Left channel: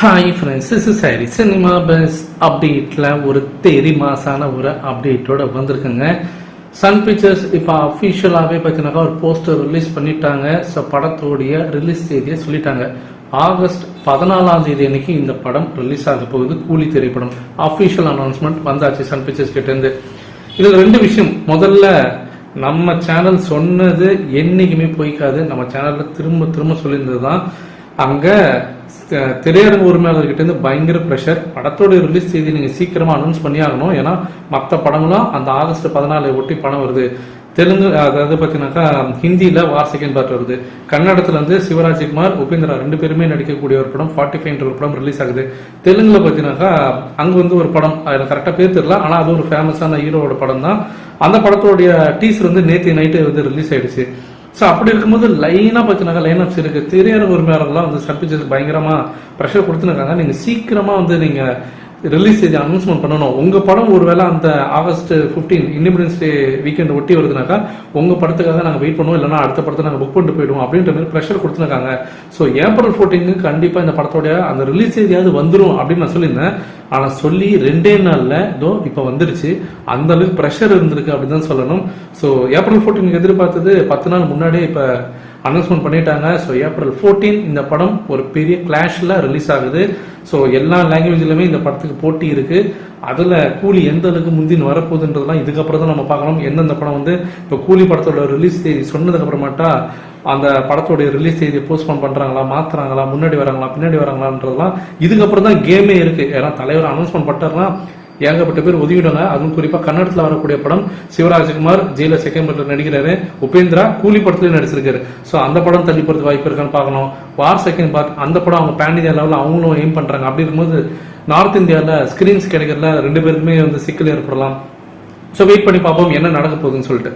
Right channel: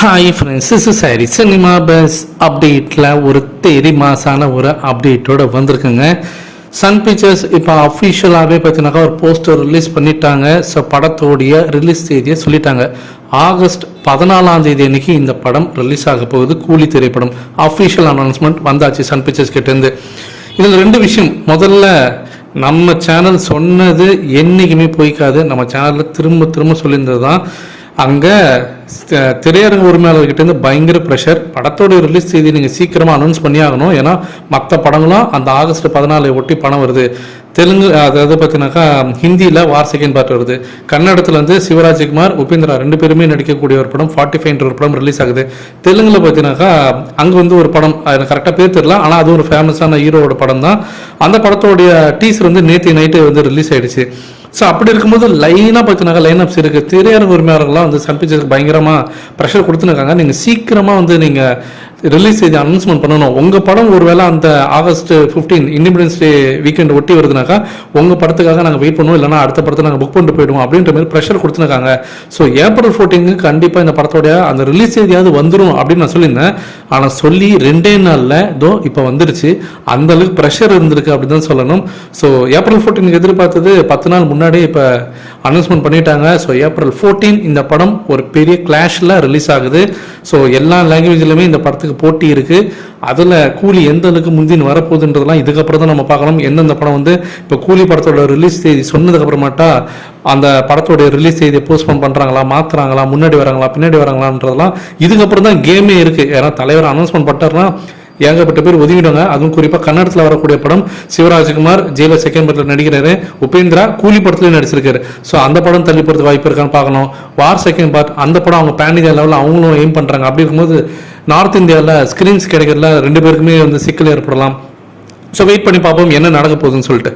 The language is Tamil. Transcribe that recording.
Hi friends is sorry cinema buzz அப்டேட்டில் ஒரு தேதி மாசான ஒரு அப்டேட்டோட வந்திருக்குங்க. சன் பிக்சர்ஸ் இப்போ அஃபிஷியலாகவே பார்த்தீங்கன்னாக்கா ஒரு போஸ்டர் ரிலீஸ் பண்ணிட்டாங்க. ஸோ படத்தோடைய ரிலீஸ் தேதியை சொல்லிட்டாங்க. ஆகஸ்ட் பதினாலாம் தேதி அன்னைக்கு இந்த படம் ரிலீஸ் ஆக போகுது. கூலி திரைப்படம் அஃபிஷியல் அனௌன்ஸ்மெண்ட் வந்தாச்சு சன் பிக்சர்ஸ் கிட்டேருந்து இதில் ரெண்டு விஷயம். முதல்ல நம்ம சேனல் சொன்னது என்றைக்குமே போய்க்காது. நம்ம சேனலில் திரும்ப திரும்ப சொல்லியிருந்தது தான் அங்கே திரையரங்கு உரிமையாளர்கிட்டேருந்து பயங்கர ப்ரெஷர் படத்தோட ரிலீஸ் செய்தி நீங்கள் சீக்கிரமாக அனௌன்ஸ் பண்ணி ஆகணும். ஏன்னா மற்ற படங்களும் அந்த ஆகஸ்ட் பதினாலை ஒட்டி படம் வருது. தெலுங்கு அதாவது பார்த்தீங்கன்னாக்கா ஹிந்தியில் வார் செகண்ட் பார்ட் வருது. கன்னடத்தில் வந்து சிவராஜ்குமார் உபேந்திரா ரெண்டு பேருமே நடிக்கக்கூடிய ஒரு படம் ஃபார்ட்டி ஃபைவ்ன்ற ஒரு படம் ரிலீஸ் ஆகுது. தெலுங்கில் பார்த்தீங்கன்னாக்கா அங்கே வந்து ஒரு படம் அது கரெக்டாக பேர் தெரியல ஆனால் அது ஒரு ஃபேமஸான ஹீரோவோட படம் தான். அந்த படத்தோடைய டீசர் வந்து நேற்று நைட்டு வந்து ரிலீஸ் ஆயிடுச்சு. ஸோ அப்படி இருக்கும்போது லைனாக பார்த்தீங்கன்னா லைன் அப்ஸ் இருக்குது திரையரங்கு உரிமையாளர்கள்லாம் வந்து சன் பயங்கரமாக ப்ரெஷர் கொடுத்துருக்காங்க நீங்கள் சீக்கிரமாக வந்து நீங்கள் ரிலீஸ் செய்து அனௌன்ஸ்மெண்ட் பண்ணணும். உங்கள் படம் ஒருவேளை அந்த August fifteen independence day weekend ஒட்டி வருதுனாக்கா உங்கள் படத்துக்காக நாங்கள் வெயிட் பண்ணுவோம் இல்லைனா அடுத்த படத்தை நாங்கள் புக் பண்ணிட்டு போயிடுவோம் அப்படின்ற மாதிரி ப்ரெஷர் கொடுத்துருக்காங்க. ஸோ ஏப்ரல் ஃபோர்டீனுக்கு கண்டிப்பாக இந்த படத்தோடைய அந்த ரிலீஸ் செய்தியாவது வந்துடும் அப்படின்னு நான் சொல்லியிருந்தேன். ஆனால் சொல்லி ரெண்டே நாளில் இதோ இப்போ வந்துருச்சு. அந்த அளவுக்கு ப்ரெஷர் இருந்திருக்கு அப்படின்னு தான் சொல்லணும். ஸோ ஏப்ரல் ஃபோர்டீனுக்கு எதிர்பார்த்தது பத்து நாள் முன்னாடியே இப்போ அனௌன்ஸ்மெண்ட் பண்ணிட்டாங்க. ஸோ ஏப்ரல் ஃபோர்டீன் இந்த படம் ஒரு பெரிய கிளாஷில் ரிலீஸ் ஆகுது. ஸோ எல்லா லாங்குவேஜ்லையுமே இந்த படத்துக்கு போட்டி இருக்குது அதில் கூலி எந்த அளவுக்கு முந்தின்னு வரப்போகுதுன்றதெல்லாம் இதுக்கப்புறம் தான் நம்ம பார்க்கணும். எந்தெந்த படம் வந்து இப்போ கூலி படத்தோட ரிலீஸ் தேதி சொன்னதுக்கப்புறமாட்டா அந்த படத்தோட ரிலீஸ் தேதியை போஸ்ட்போன் பண்ணுறாங்களா மாற்றுறாங்களா முன்னாடி வராங்களா பின்னாடி வராங்களான்றதெல்லாம் இதுக்கப்புறம் தான் கேமே இருக்குது ஏன்னா தலைவர் அனௌன்ஸ்மெண்ட் பண்ணிட்டாருன்னா ஏகப்பட்ட பேர் ஒதுங்கிடுவாங்க அதுவும் குறிப்பாக கன்னடத்தில் வரக்கூடிய படம் சிவராஜ்குமார் ஜெயில செகண்ட் படத்தில் நடிக்கிறாரு. உபேந்திரா கூலி படத்துலேயும் நடிச்சிருக்காரு. ஸோ அந்த படம் தள்ளி போகிறது வாய்ப்பு இருக்கான்னு பார்க்கணும். வார் செகண்ட் பார்ட் அந்த படம் அவங்க பேன் இந்தியா லெவலில் அவங்களும் எய்ம் பண்ணுறாங்க அப்படி இருக்கும்போது நார்த் இந்தியாவில் ஸ்க்ரீன்ஸ் கிடைக்கிறதுல ரெண்டு பேருக்குமே வந்து சிக்கல் ஏற்படலாம். ஸோ வெயிட் பண்ணி பார்ப்போம் என்ன நடக்க போகுதுன்னு சொல்லிட்டு.